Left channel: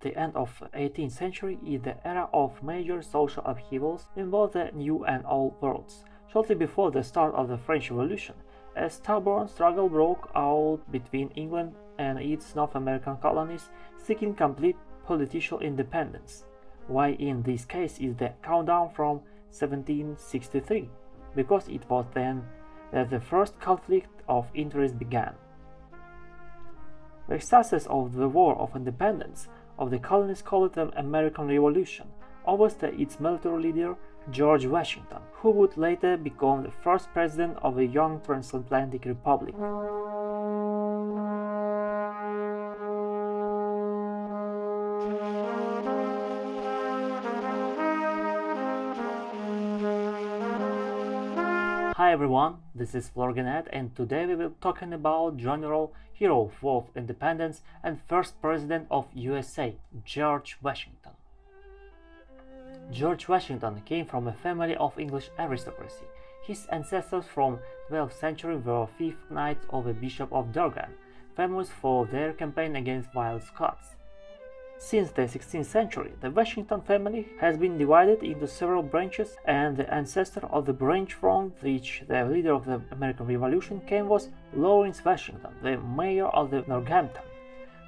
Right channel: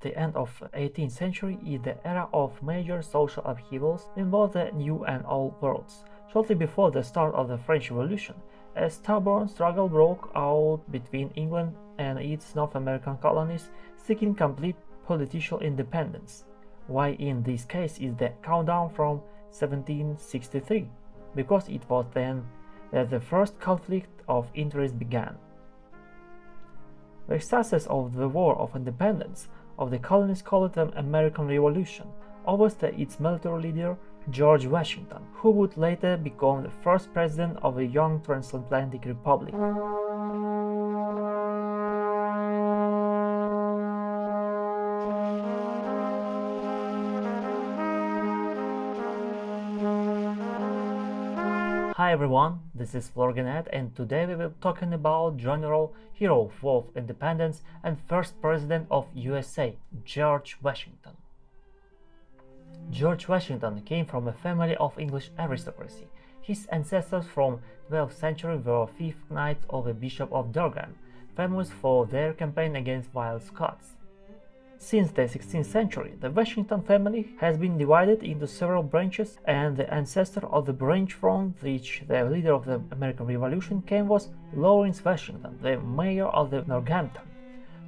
The end of the 18th century is the era of major social upheavals in both the New and Old worlds. Shortly before the start of the French Revolution, a stubborn struggle broke out between England and its North American colonies, seeking complete political independence. Why in this case is the countdown from 1763? Because it was then that the first conflict of interest began. The success of the War of Independence of the colonies called the American Revolution, overstayed its military leader George Washington, who would later become the first president of a young transatlantic republic. Hi everyone, this is Floragenet, and today we will be talking about general hero of War of Independence and first president of USA, George Washington. George Washington came from a family of English aristocracy. His ancestors from 12th century were fifth knights of the Bishop of Durham, famous for their campaign against wild Scots. Since the 16th century, the Washington family has been divided into several branches, and the ancestor of the branch from which the leader of the American Revolution came was Lawrence Washington, the mayor of the Northampton,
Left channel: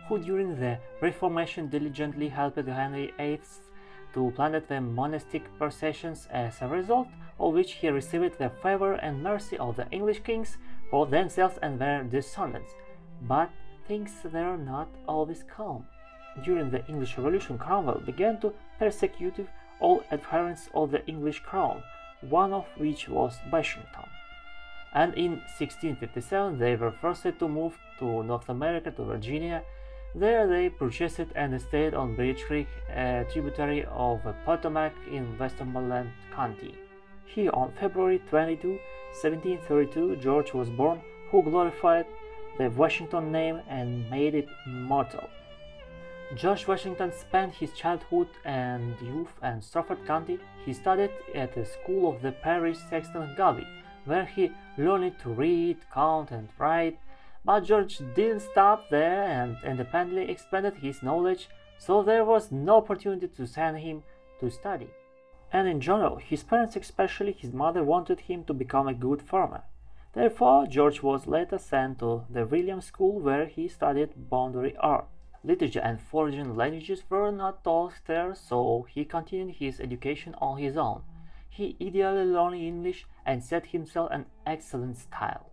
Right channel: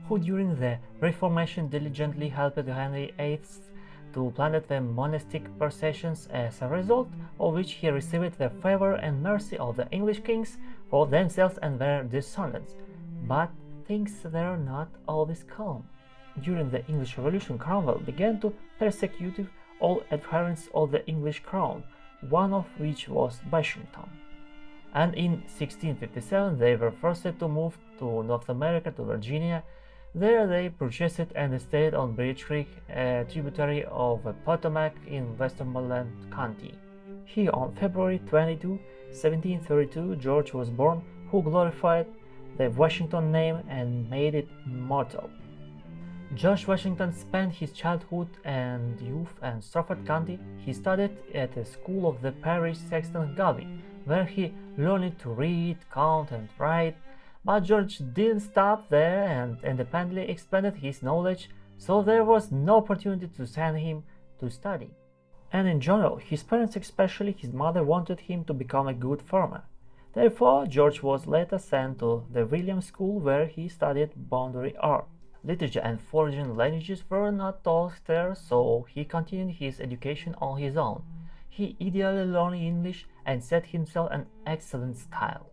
who during the Reformation diligently helped Henry VIII to plan the monastic processions, as a result of which he received the favor and mercy of the English kings for themselves and their descendants. But things were not always calm. During the English Revolution, Cromwell began to persecute all adherents of the English crown, one of which was Washington. And in 1657 they were forced to move to North America, to Virginia. There they purchased an estate on Bridge Creek, a tributary of the Potomac in Westmoreland County. Here on February 22, 1732, George was born, who glorified the Washington name and made it immortal. George Washington spent his childhood and youth in Strafford County. He studied at the school of the parish sexton Galway, where he learned to read, count, and write. But George didn't stop there and independently expanded his knowledge, so there was no opportunity to send him to study. And in general, his parents, especially his mother, wanted him to become a good farmer. Therefore, George was later sent to the Williams School, where he studied boundary art. Literature and foreign languages were not taught there, so he continued his education on his own. He ideally learned English and set himself an excellent style.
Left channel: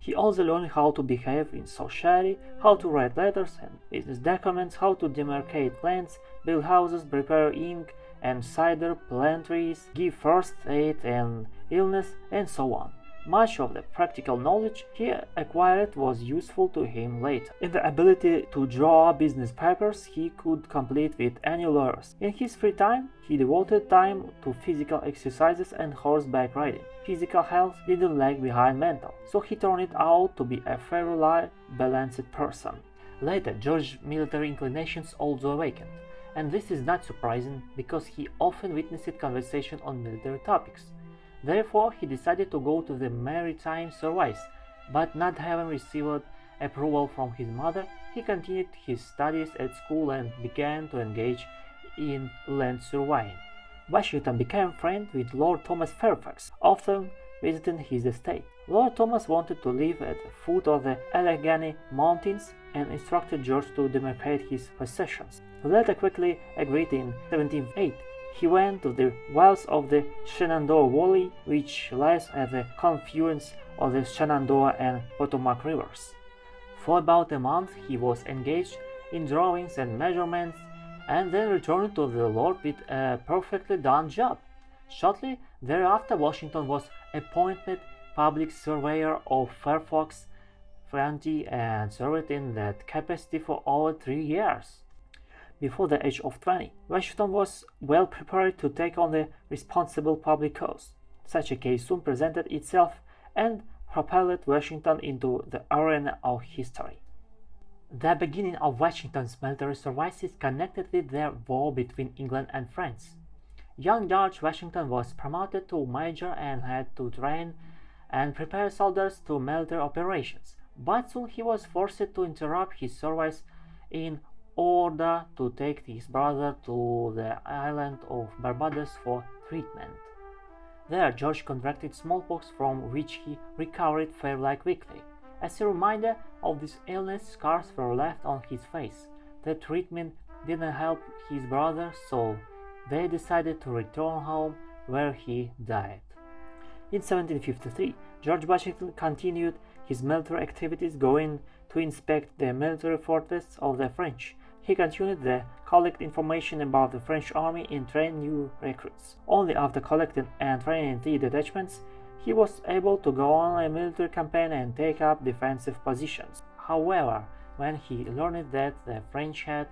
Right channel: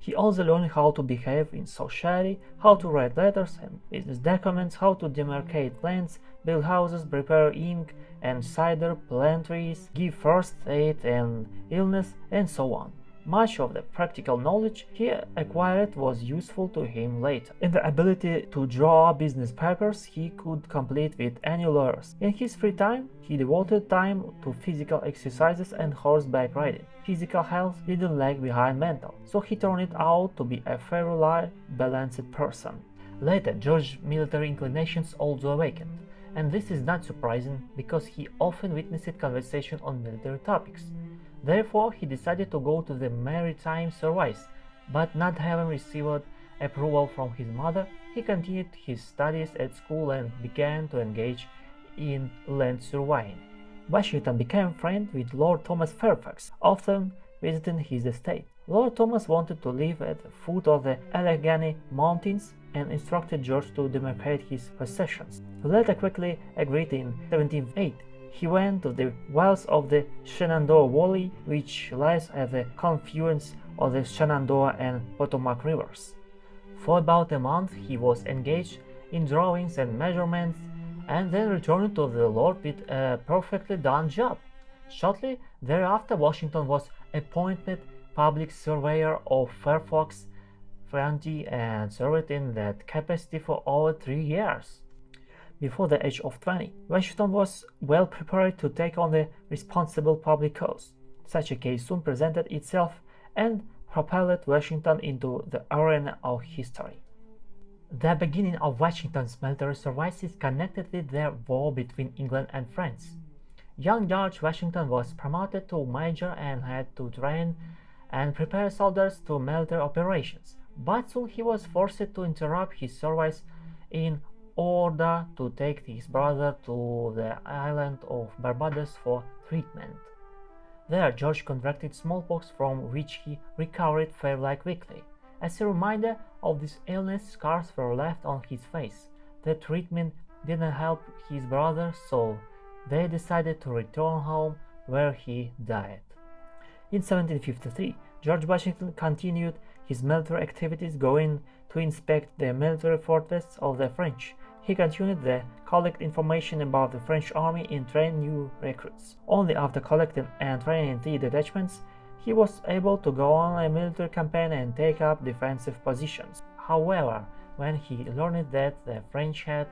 He also learned how to behave in society, how to write letters and business documents, how to demarcate lands, build houses, prepare ink and cider, plant trees, give first aid and illness, and so on. Much of the practical knowledge he acquired was useful to him later. In the ability to draw business papers he could compete with any lawyers. In his free time, he devoted time to physical exercises and horseback riding. Physical health didn't lag behind mental, so he turned out to be a fairly balanced person. Later, George's military inclinations also awakened, and this is not surprising because he often witnessed conversation on military topics. Therefore, he decided to go to the maritime service, but not having received approval from his mother, he continued his studies at school and began to engage in land surveying. Washington became friends with Lord Thomas Fairfax, often visiting his estate. Lord Thomas wanted to live at the foot of the Allegheny Mountains and instructed George to demarcate his possessions. The latter quickly agreed in 1708. He went to the wilds of the Shenandoah Valley, which lies at the confluence of the Shenandoah and Potomac rivers. For about a month he was engaged in drawings and measurements, and then returned to the Lord with a perfectly done job. Shortly thereafter, Washington was appointed public surveyor of Fairfax County and served in that capacity for over 3 years. Before the age of 20, Washington was well prepared to take on the responsible public cause. Such a case soon presented itself and propelled Washington into the arena of history. The beginning of Washington's military service is connected with the war between England and France. Young George Washington was promoted to major and had to train and prepare soldiers to military operations, but soon he was forced to interrupt his service in order to take his brother to the island of Barbados for treatment. There, George contracted smallpox, from which he recovered fairly quickly. As a reminder of this illness, scars were left on his face. The treatment didn't help his brother, so they decided to return home, where he died. In 1753, George Washington continued his military activities, going to inspect the military fortresses of the French. He continued to collect information about the French army and train new recruits. Only after collecting and training 3 detachments, he was able to go on a military campaign and take up defensive positions. However, when he learned that the French had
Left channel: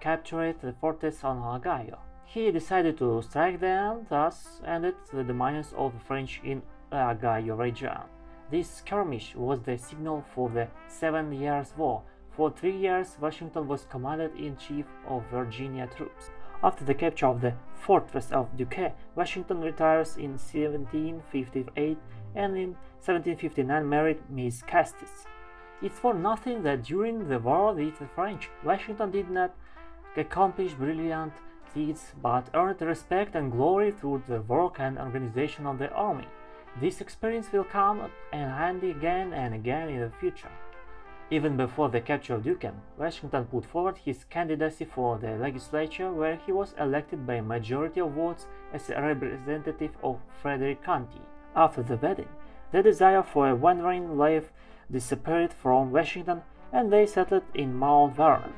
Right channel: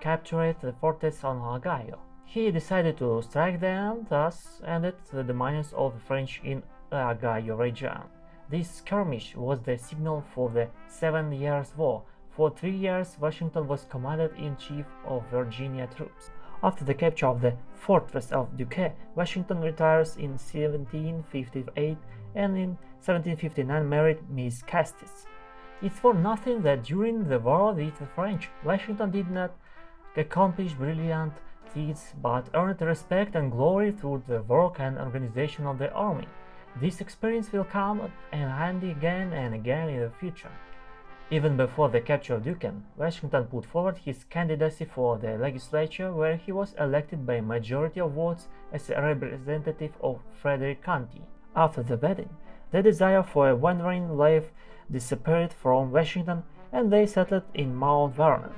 captured the fortress on Agayo, he decided to strike them, thus ended the dominance of the French in the Agayo region. This skirmish was the signal for the 7 Years' War. For 3 years, Washington was commander-in-chief of Virginia troops. After the capture of the fortress of Duquesne, Washington retires in 1758 and in 1759 married Miss Custis. It's for nothing that during the war with the French, Washington did not accomplish brilliant feats but earned respect and glory through the work and organization of the army. This experience will come in handy again and again in the future. Even before the capture of Duquesne, Washington put forward his candidacy for the legislature, where he was elected by a majority of votes as a representative of Frederick County. After the wedding, the desire for a wandering life disappeared from Washington, and they settled in Mount Vernon.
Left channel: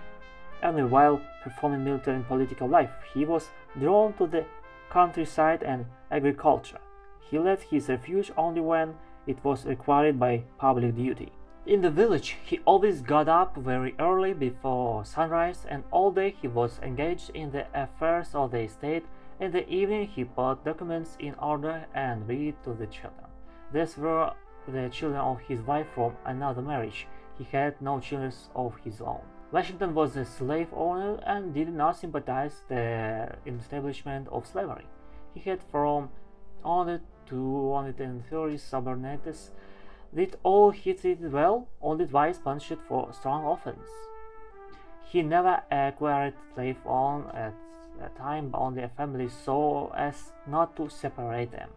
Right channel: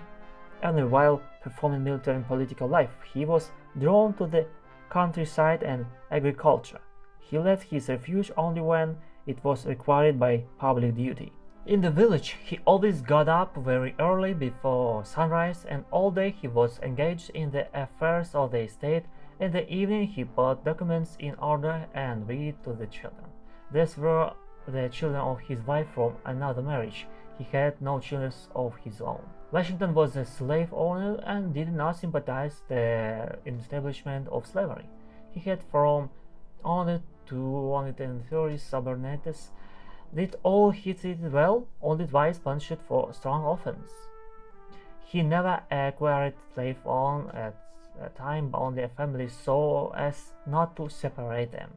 Only while performing military and political life, he was drawn to the countryside and agriculture. He left his refuge only when it was required by public duty. In the village, he always got up very early before sunrise, and all day he was engaged in the affairs of the estate. In the evening, he put documents in order and read to the children. These were the children of his wife from another marriage. He had no children of his own. Washington was a slave owner and did not sympathize with the establishment of slavery. He had from 100 to 130 subordinates. Did all he did well, only twice punished for strong offense. He never acquired slave on at a time, only a family, so as not to separate them.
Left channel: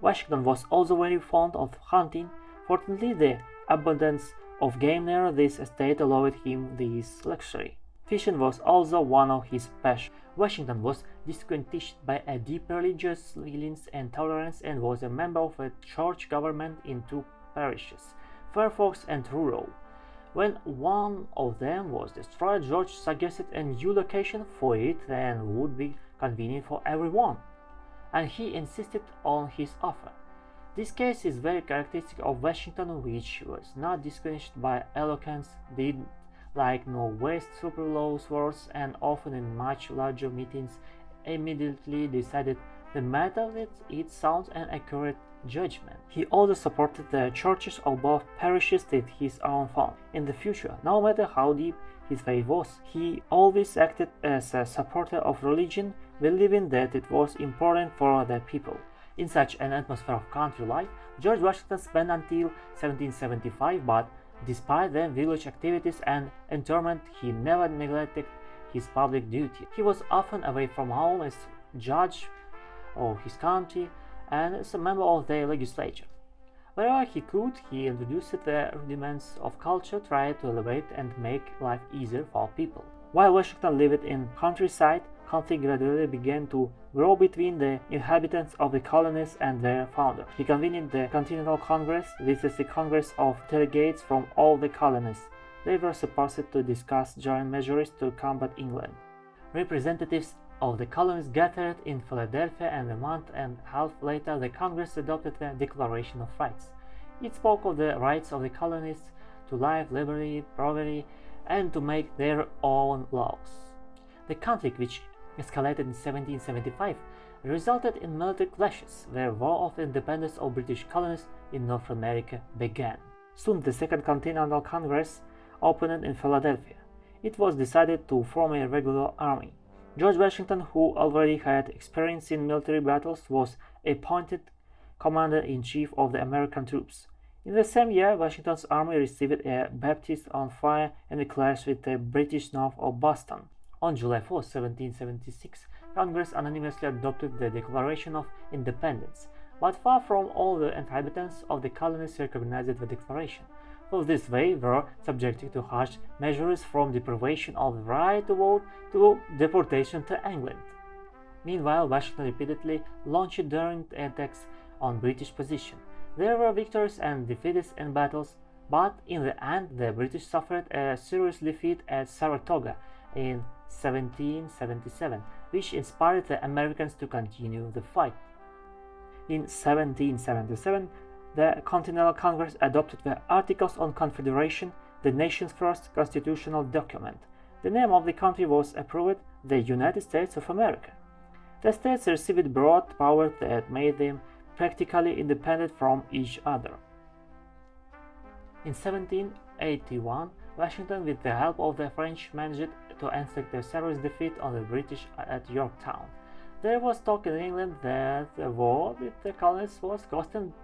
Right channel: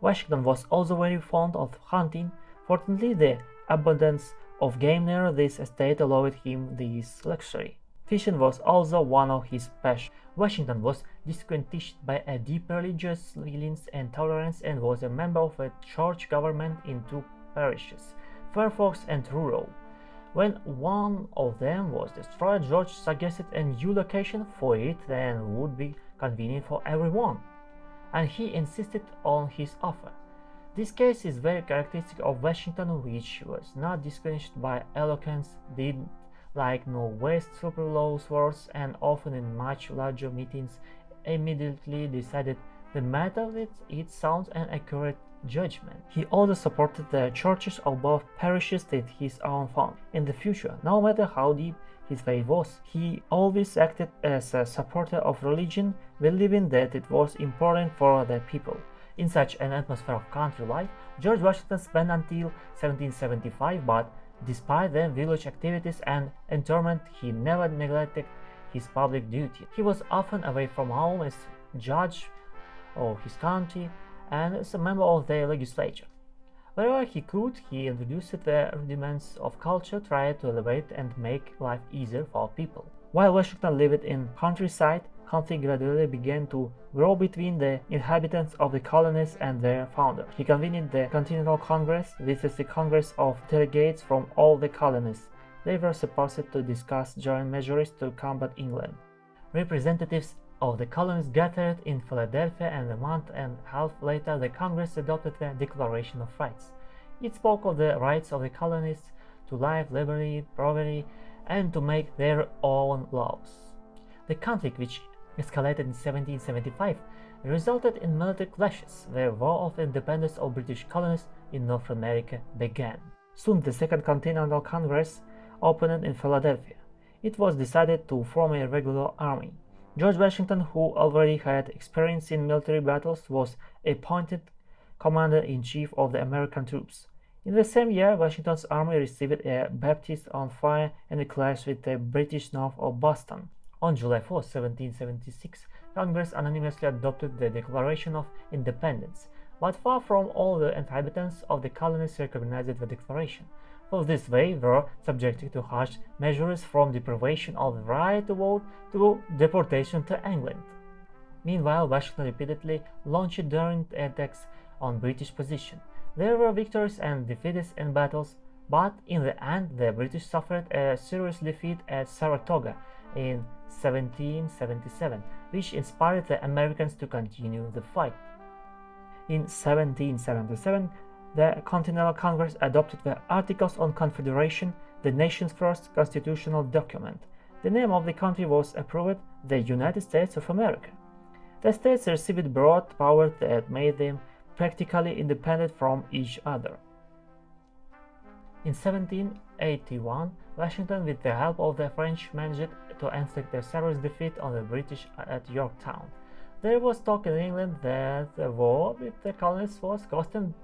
Washington was also very fond of hunting. Fortunately, the abundance of game near this estate allowed him this luxury. Fishing was also one of his passions. Washington was distinguished by a deep religious feelings and tolerance, and was a member of a church government in 2 parishes, Fairfax and Truro. When one of them was destroyed, George suggested a new location for it that would be convenient for everyone, and he insisted on his offer. This case is very characteristic of Washington, which was not distinguished by eloquence, did like no waste superfluous words, and often in much larger meetings immediately decided the matter with its sound and accurate judgment. He also supported the churches of both parishes with his own fund. In the future, no matter how deep his faith was, he always acted as a supporter of religion, believing that it was important for the people. In such an atmosphere of country life, George Washington spent until 1775, but despite the village activities and interment, he never neglected his public duty. He was often away from home as judge of his county and as a member of the legislature. Wherever he could, he introduced the rudiments of culture, tried to elevate and make life easier for people. While Washington lived in countryside, conflict gradually began to grow between the inhabitants of the colonies and their founder. He convened the Continental Congress. This is the Congress of delegates from all the colonies. They were supposed to discuss joint measures to combat England. Representatives of the colonies gathered in Philadelphia, and a month and a half later the Congress adopted the Declaration of Rights. It spoke of the rights of the colonists to life, liberty, property, and to make their own laws. The conflict, which escalated in 1775, resulted in military clashes. The War of Independence of British colonies in North America began. Soon the Second Continental Congress opened in Philadelphia. It was decided to form a regular army. George Washington, who already had experience in military battles, was appointed commander-in-chief of the American troops. In the same year, Washington's army received a baptiste on fire and clashed with the British north of Boston. On July 4, 1776, Congress unanimously adopted the Declaration of Independence, but far from all the inhabitants of the colonies recognized the declaration. For this they were subjected to harsh measures from deprivation of the right to vote to deportation to England. Meanwhile, Washington repeatedly launched daring attacks on British position. There were victories and defeats in battles, but in the end the British suffered a serious defeat at Saratoga in 1777, which inspired the Americans to continue the fight. In 1777, the Continental Congress adopted the Articles on Confederation, the nation's first constitutional document. The name of the country was approved, the United States of America. The states received broad powers that made them practically independent from each other. In 1781, Washington, with the help of the French, managed to inflict a serious defeat on the British at Yorktown. There was talk in England that the war with the colonies was costing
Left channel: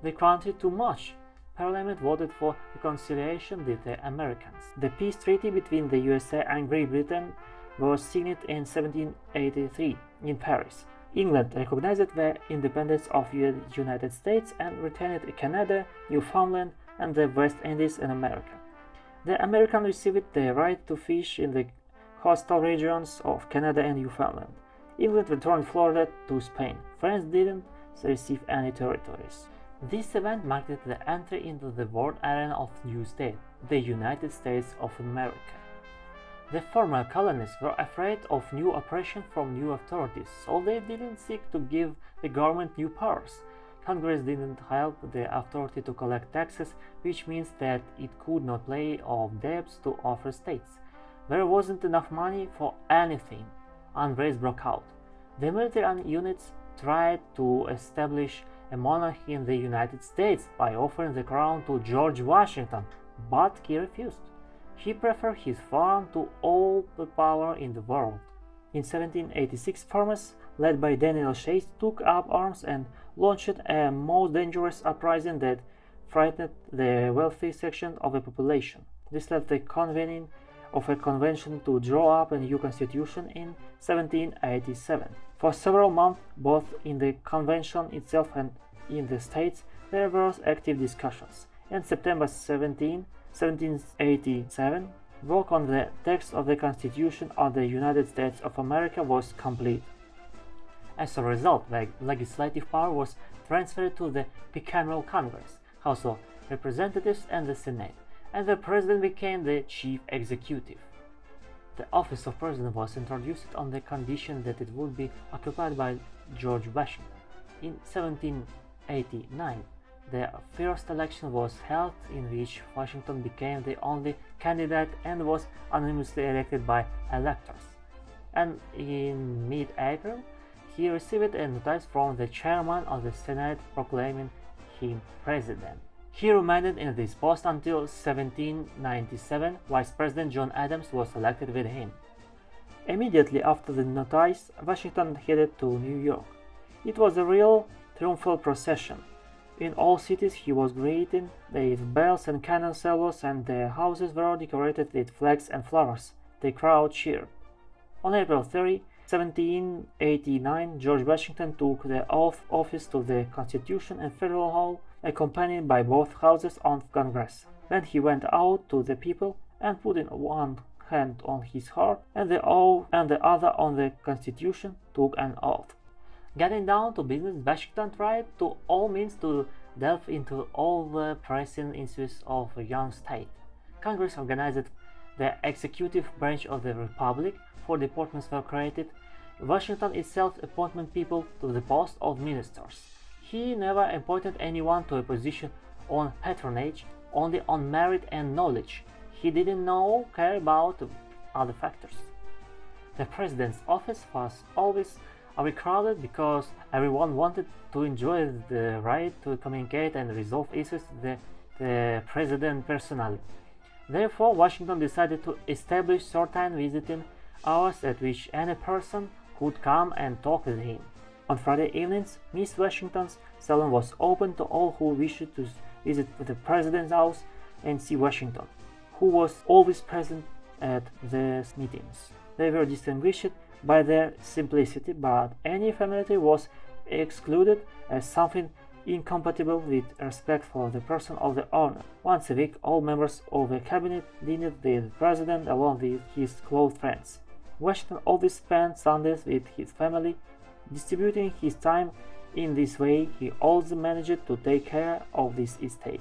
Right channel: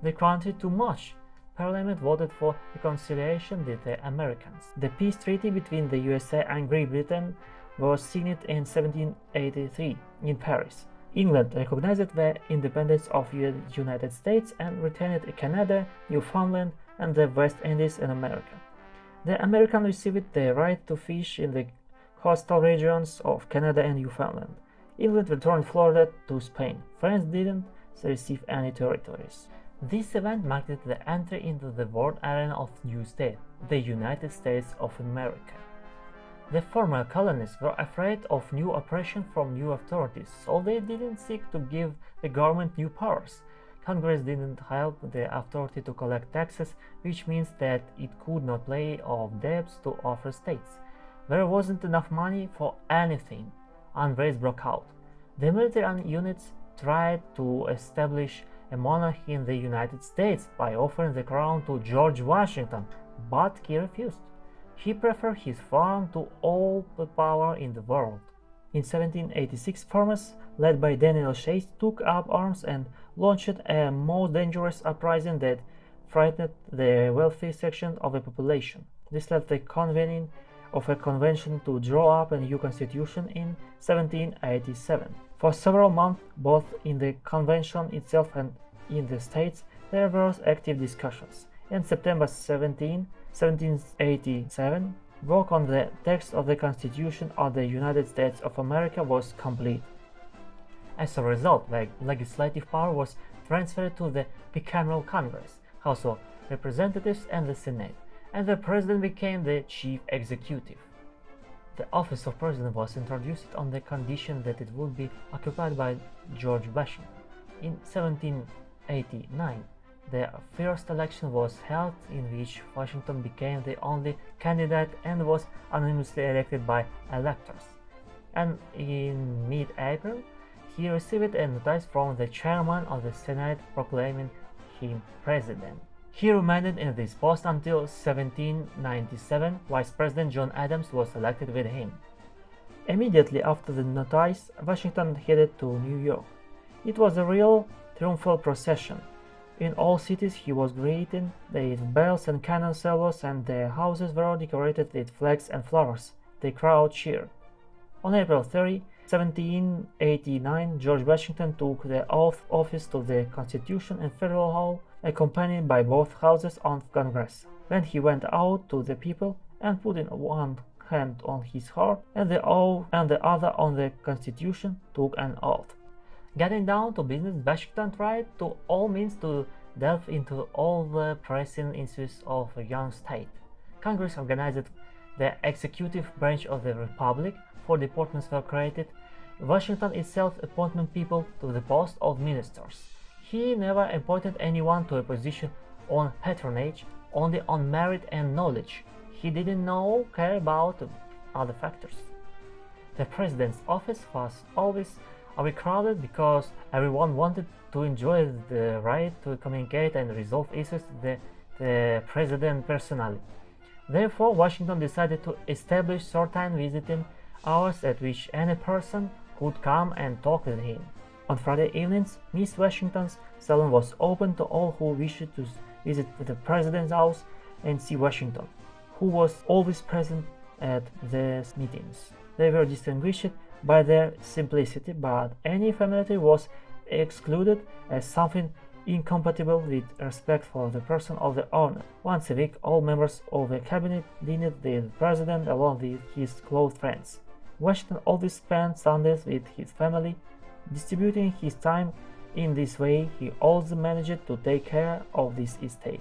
the country too much. Parliament voted for reconciliation with the Americans. The peace treaty between the USA and Great Britain was signed in 1783 in Paris. England recognized the independence of the United States and retained Canada, Newfoundland, and the West Indies in America. The Americans received the right to fish in the coastal regions of Canada and Newfoundland. England returned Florida to Spain. France didn't receive any territories. This event marked the entry into the world arena of new state, the United States of America. The former colonies were afraid of new oppression from new authorities, so they didn't seek to give the government new powers. Congress didn't help the authority to collect taxes, which means that it could not pay off debts to other states. There wasn't enough money for anything. Unrest broke out. The military units tried to establish a monarchy in the United States by offering the crown to George Washington, but he refused. He preferred his farm to all the power in the world. In 1786, farmers, led by Daniel Chase, took up arms and launched a most dangerous uprising that frightened the wealthy section of the population. This led the convening of a convention to draw up a new constitution in 1787. For several months, both in the convention itself and in the states, there were active discussions. In September 1787, work on the text of the Constitution of the United States of America was complete. As a result, the legislative power was transferred to the bicameral Congress, House of Representatives, and the Senate, and the President became the chief executive. The office of President was introduced on the condition that it would be occupied by George Washington. In 1789, the first election was held in which Washington became the only candidate and was unanimously elected by electors. And in mid-April, he received a notice from the chairman of the Senate proclaiming him president. He remained in this post until 1797. Vice President John Adams was elected with him. Immediately after the notice, Washington headed to New York. It was a real triumphal procession. In all cities he was greeted with bells and cannon salvos, and the houses were decorated with flags and flowers. The crowd cheered. On April 30, 1789, George Washington took the oath of office to the Constitution and Federal Hall, accompanied by both houses of Congress. Then he went out to the people and put in one hand on his heart and the other on the Constitution, took an oath. Getting down to business, Washington tried to all means to delve into all the pressing issues of a young state. Congress organized the executive branch of the Republic. 4 departments were created. Washington itself appointed people to the post of ministers. He never appointed anyone to a position on patronage, only on merit and knowledge. He didn't care about other factors. The president's office was always overcrowded because everyone wanted to enjoy the right to communicate and resolve issues with the president personally. Therefore, Washington decided to establish certain visiting hours at which any person could come and talk with him. On Friday evenings, Miss Washington's salon was open to all who wished to visit the president's house and see Washington, who was always present at these meetings. They were distinguished by their simplicity, but any familiarity was excluded as something incompatible with respect for the person of the owner. Once a week, all members of the cabinet dined with the president along with his close friends. Washington always spent Sundays with his family. Distributing his time in this way, he also managed to take care of this estate.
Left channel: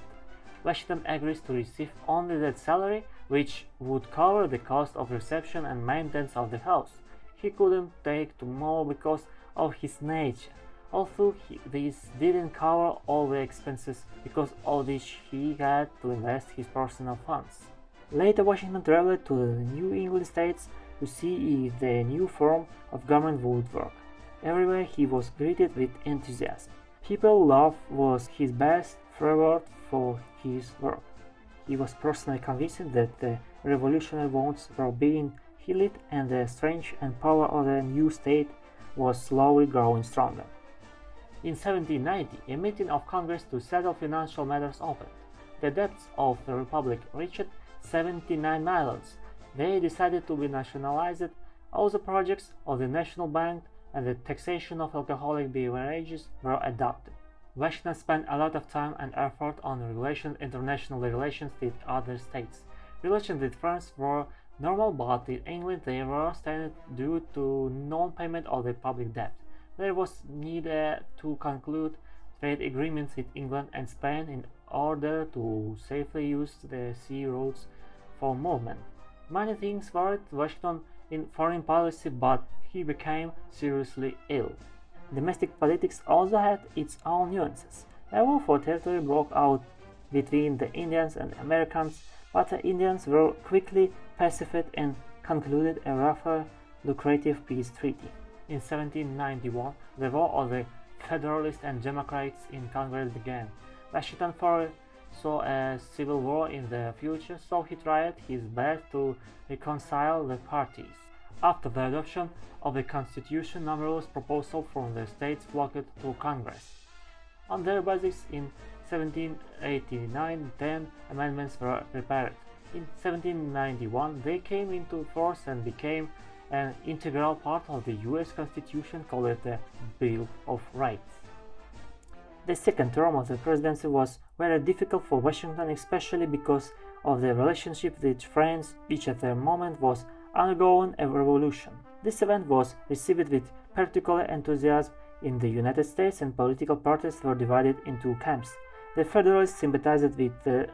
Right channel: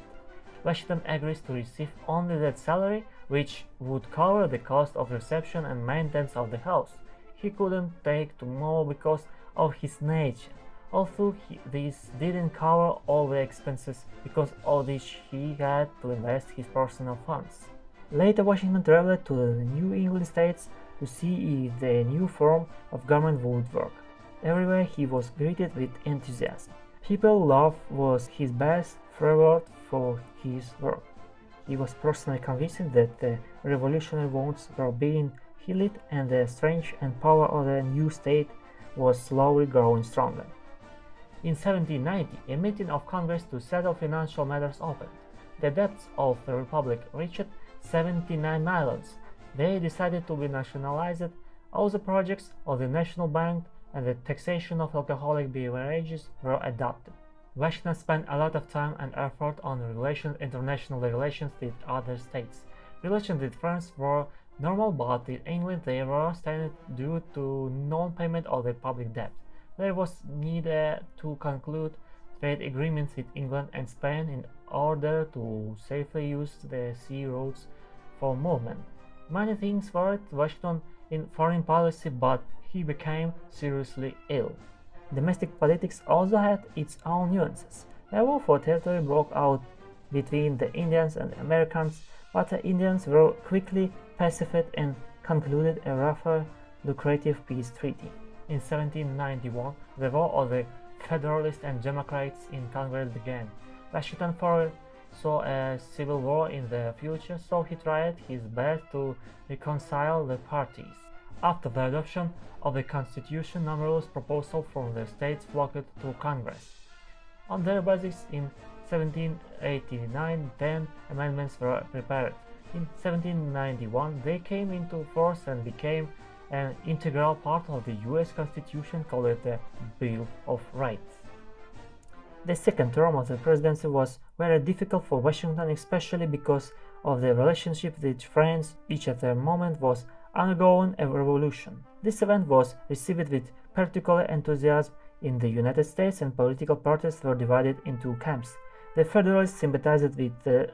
Washington agrees to receive only that salary which would cover the cost of reception and maintenance of the house. He couldn't take to more because of his nature, although this didn't cover all the expenses because of which he had to invest his personal funds. Later, Washington traveled to the New England states to see if the new form of government would work. Everywhere he was greeted with enthusiasm. People love was his best reward for his work. He was personally convinced that the revolutionary wounds were being healed and the strength and power of the new state was slowly growing stronger. In 1790, a meeting of Congress to settle financial matters opened. The debts of the Republic reached $79 million. They decided to be nationalized. All the projects of the National Bank and the taxation of alcoholic beverages were adopted. Washington spent a lot of time and effort on international relations with other states. Relations with France were normal, but in England they were strained due to non-payment of the public debt. There was need to conclude trade agreements with England and Spain in order to safely use the sea routes for movement. Many things worried Washington in foreign policy, but he became seriously ill. Domestic politics also had its own nuances. A war for territory broke out between the Indians and the Americans, but the Indians were quickly pacified and concluded a rather lucrative peace treaty. In 1791, the war of the Federalists and Democrats in Congress began. Washington foresaw a civil war in the future, so he tried his best to reconcile the parties. After the adoption of the Constitution, numerous proposals from the states flocked to Congress. On their basis, in 1789, 10 amendments were prepared. In 1791, they came into force and became an integral part of the U.S. Constitution, called the Bill of Rights. The second term of the presidency was very difficult for Washington, especially because of the relationship with France, which at the moment was undergoing a revolution. This event was received with particular enthusiasm in the United States, and political parties were divided into camps. The Federalists sympathized with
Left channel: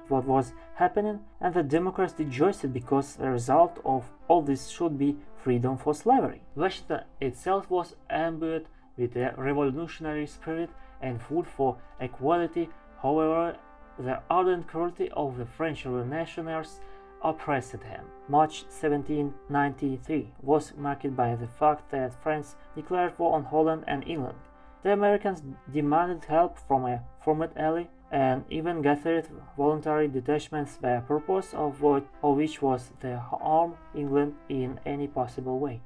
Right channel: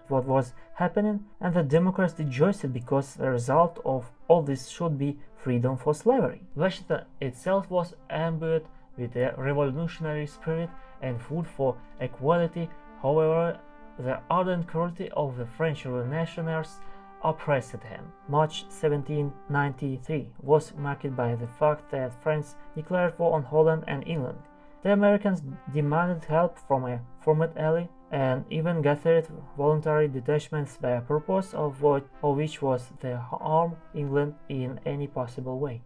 what was happening, and the Democrats rejoiced because the result of all this should be freedom for slavery. Washington itself was imbued with a revolutionary spirit and food for equality. However, the ardent cruelty of the French revolutionaries oppressed him. March 1793 was marked by the fact that France declared war on Holland and England. The Americans demanded help from a former ally and even gathered voluntary detachments, the purpose of which was to harm England in any possible way.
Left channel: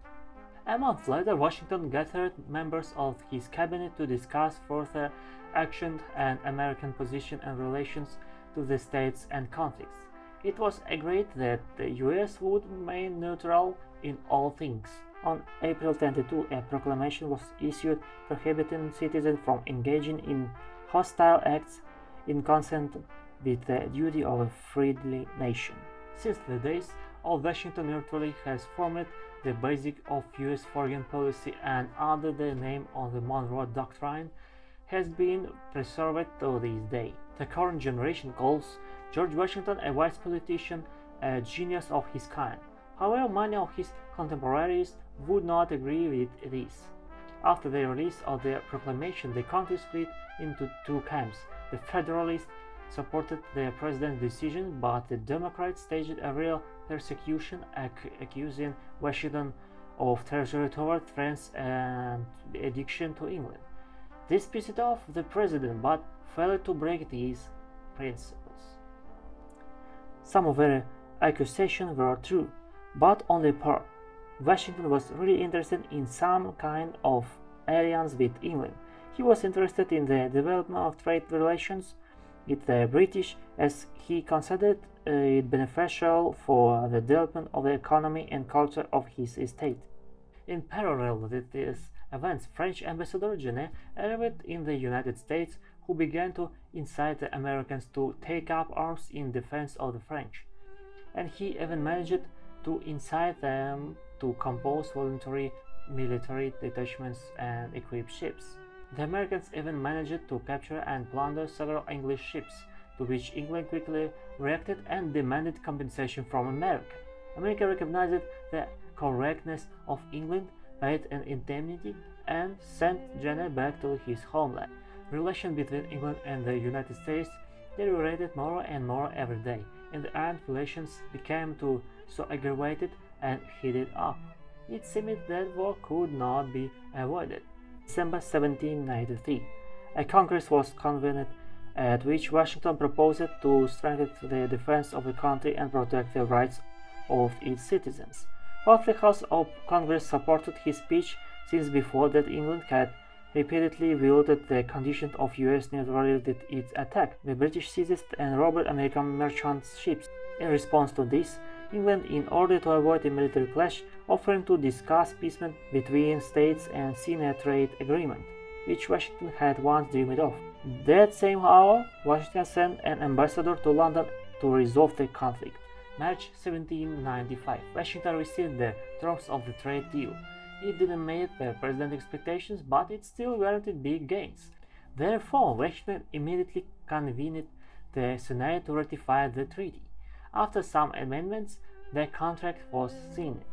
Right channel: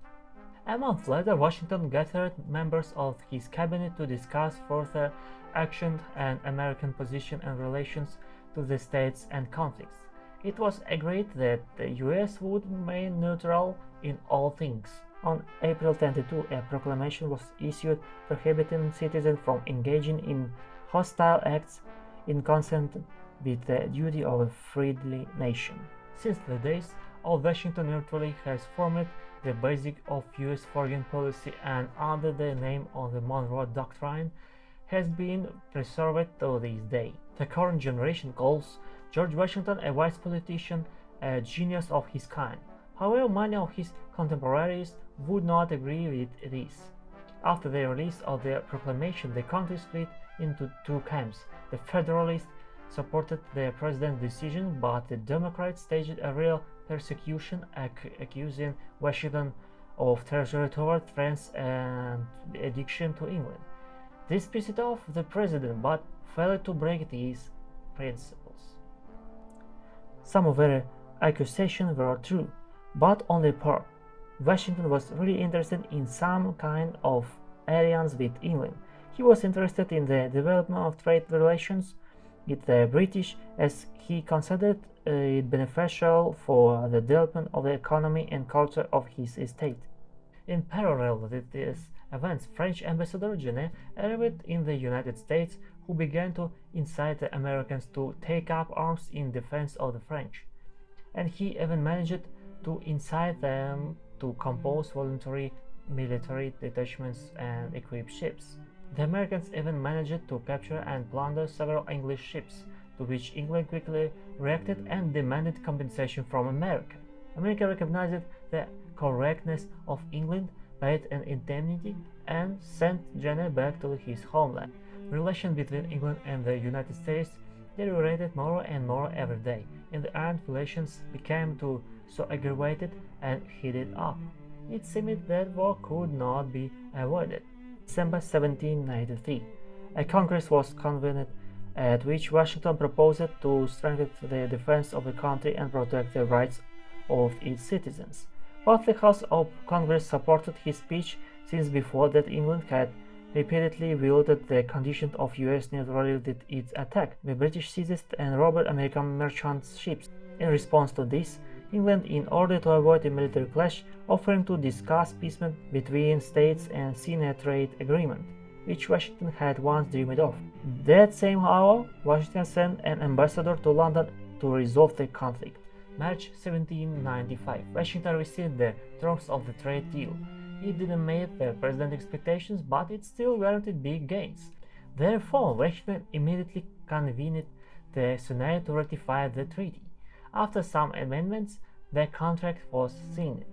A month later, Washington gathered members of his cabinet to discuss further action and American position and relations to the states and conflicts. It was agreed that the U.S. would remain neutral in all things. On April 22, a proclamation was issued prohibiting citizens from engaging in hostile acts in consent with the duty of a friendly nation. Since the days of Washington neutrality has formed the basis of U.S. foreign policy, and under the name of the Monroe Doctrine has been preserved to this day. The current generation calls George Washington a wise politician, a genius of his kind. However, many of his contemporaries would not agree with this. After the release of the proclamation, the country split into two camps. The Federalists supported the president's decision, but the Democrats staged a real persecution, accusing Washington of treachery toward France and addiction to England. This pissed off the president, but failed to break these principles. Some of their accusations were true, but only part. Washington was really interested in some kind of alliance with England. He was interested in the development of trade relations with the British, as he considered it beneficial for the development of the economy and culture of his estate. In parallel with these events, French ambassador Genet arrived in the United States, who began to incite the Americans to take up arms in defense of the French, and he even managed to incite them to compose voluntary military detachments and equip ships. The Americans even managed to capture and plunder several English ships, to which England quickly reacted and demanded compensation from America. America recognized the correctness of England, paid an indemnity, and sent Genet back to his homeland. Relations between England and the United States deteriorated more and more every day. In the end, relations became so aggravated and heated up. It seemed that war could not be avoided. December 1793, a Congress was convened at which Washington proposed to strengthen the defense of the country and protect the rights of its citizens. Both the House of Congress supported his speech, since before that England had repeatedly violated the conditions of U.S. neutrality with its attack. The British seized and robbed American merchant ships. In response to this, England, in order to avoid a military clash, offered to discuss peace between states and sign a trade agreement, which Washington had once dreamed of. That same hour, Washington sent an ambassador to London to resolve the conflict. March 1795, Washington received the terms of the trade deal. It didn't meet the president's expectations, but it still guaranteed big gains. Therefore, Washington immediately convened the Senate to ratify the treaty. After some amendments, the contract was signed.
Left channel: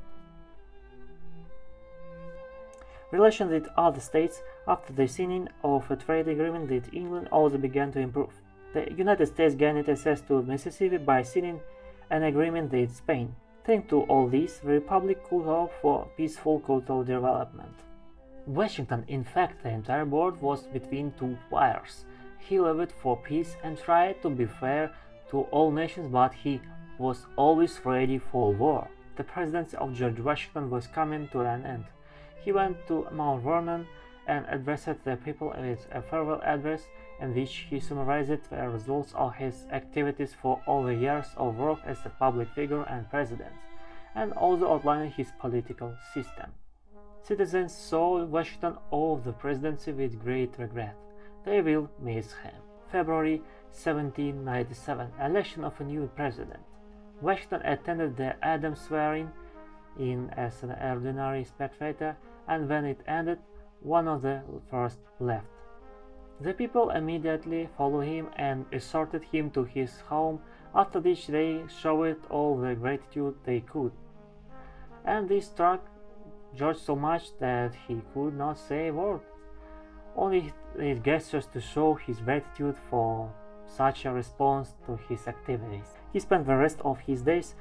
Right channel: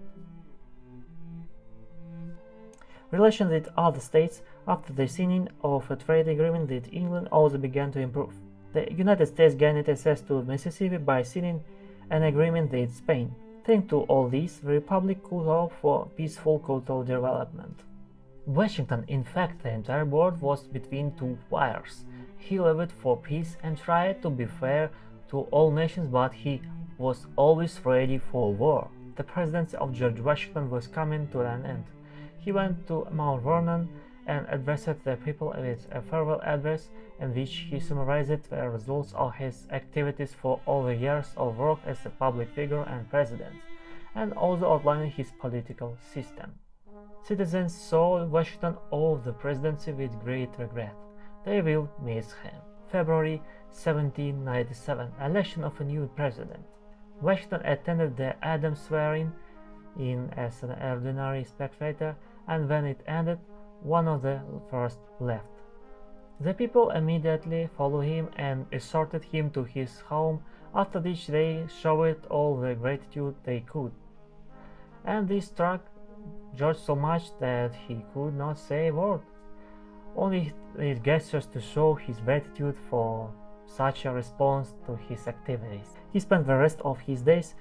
Relations with other states after the signing of a trade agreement with England also began to improve. The United States gained access to Mississippi by signing an agreement with Spain. Thanks to all this, the Republic could hope for peaceful cultural development. Washington, in fact, the entire board was between two fires. He lobbied for peace and tried to be fair to all nations, but he was always ready for war. The presidency of George Washington was coming to an end. He went to Mount Vernon and addressed the people with a farewell address, in which he summarized the results of his activities for all the years of work as a public figure and president, and also outlining his political system. Citizens saw Washington off the presidency with great regret. They will miss him. February 1797, election of a new president. Washington attended the Adams swearing-in as an ordinary spectator, and when it ended, one of the first left. The people immediately followed him and escorted him to his home, after which they showed all the gratitude they could. And this struck George so much that he could not say a word, only his gestures to show his gratitude for such a response to his activities. He spent the rest of his days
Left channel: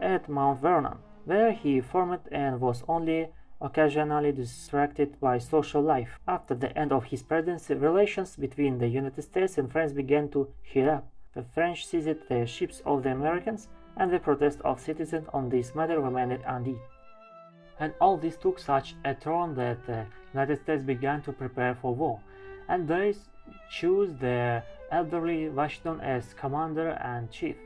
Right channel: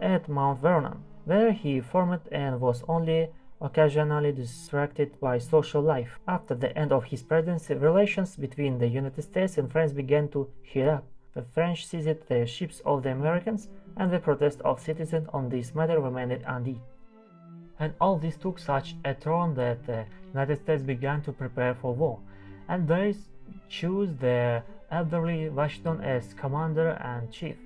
at Mount Vernon, where he formed and was only occasionally distracted by social life. After the end of his presidency, relations between the United States and France began to heat up. The French seized the ships of the Americans, and the protests of citizens on this matter remained unheeded. And all this took such a turn that the United States began to prepare for war, and they chose the elderly Washington as commander-in-chief.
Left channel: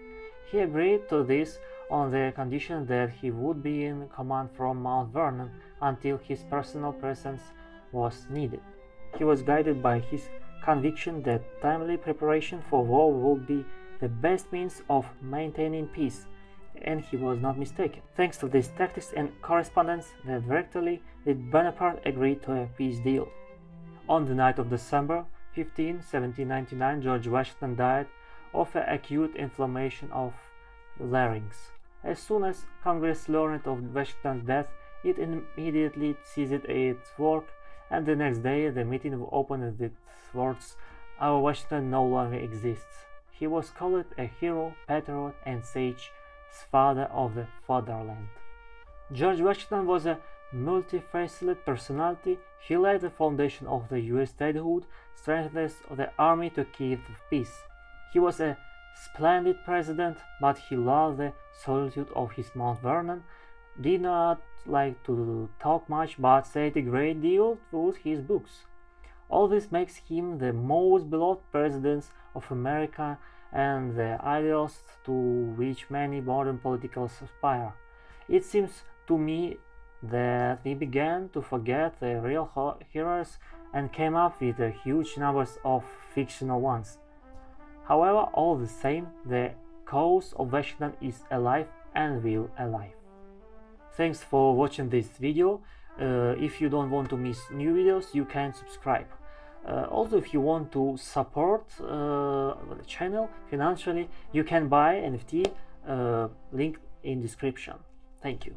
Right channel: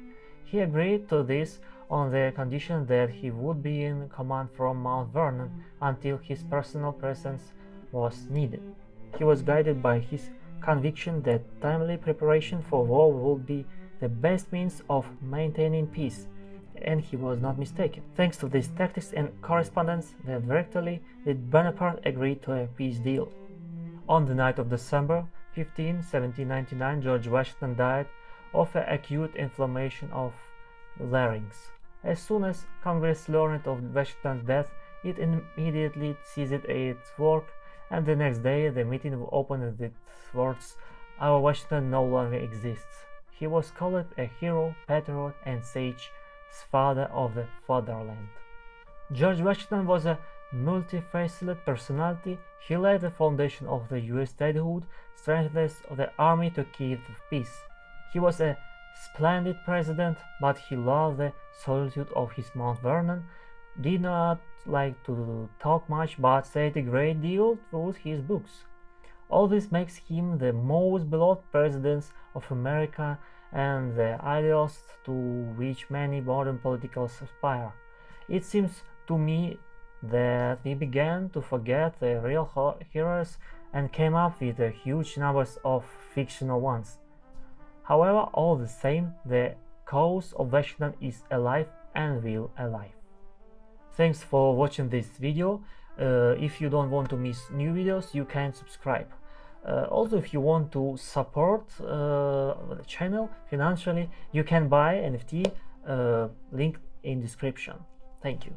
He agreed to this on the condition that he would be in command from Mount Vernon until his personal presence was needed. He was guided by his conviction that timely preparation for war would be the best means of maintaining peace, and he was not mistaken. Thanks to these tactics and correspondence, the directly did Bonaparte agree to a peace deal. On the night of December 15, 1799, George Washington died of an acute inflammation of larynx. As soon as Congress learned of Washington's death, it immediately ceased its work, and the next day the meeting opened with its words, "Our Washington no longer exists." He was called a hero, patriot, and sage, father of the fatherland. George Washington was a multifaceted personality. He laid the foundation of the U.S. statehood, strengthened the army to keep the peace. He was a splendid president, but he loved the solitude of his Mount Vernon, did not like to talk much, but said a great deal through his books. All this makes him the most beloved president of America and the ideal to which many modern politicals aspire. It seems to me that we began to forget the real heroes and came up with huge numbers of fictional ones. However, all the same, the cause of Washington is alive and will alive. Thanks for watching this video. If you don't want to miss new videos, you can subscribe. Also, if you want to support the channel financially, you can buy NFT, link in description. Thank you.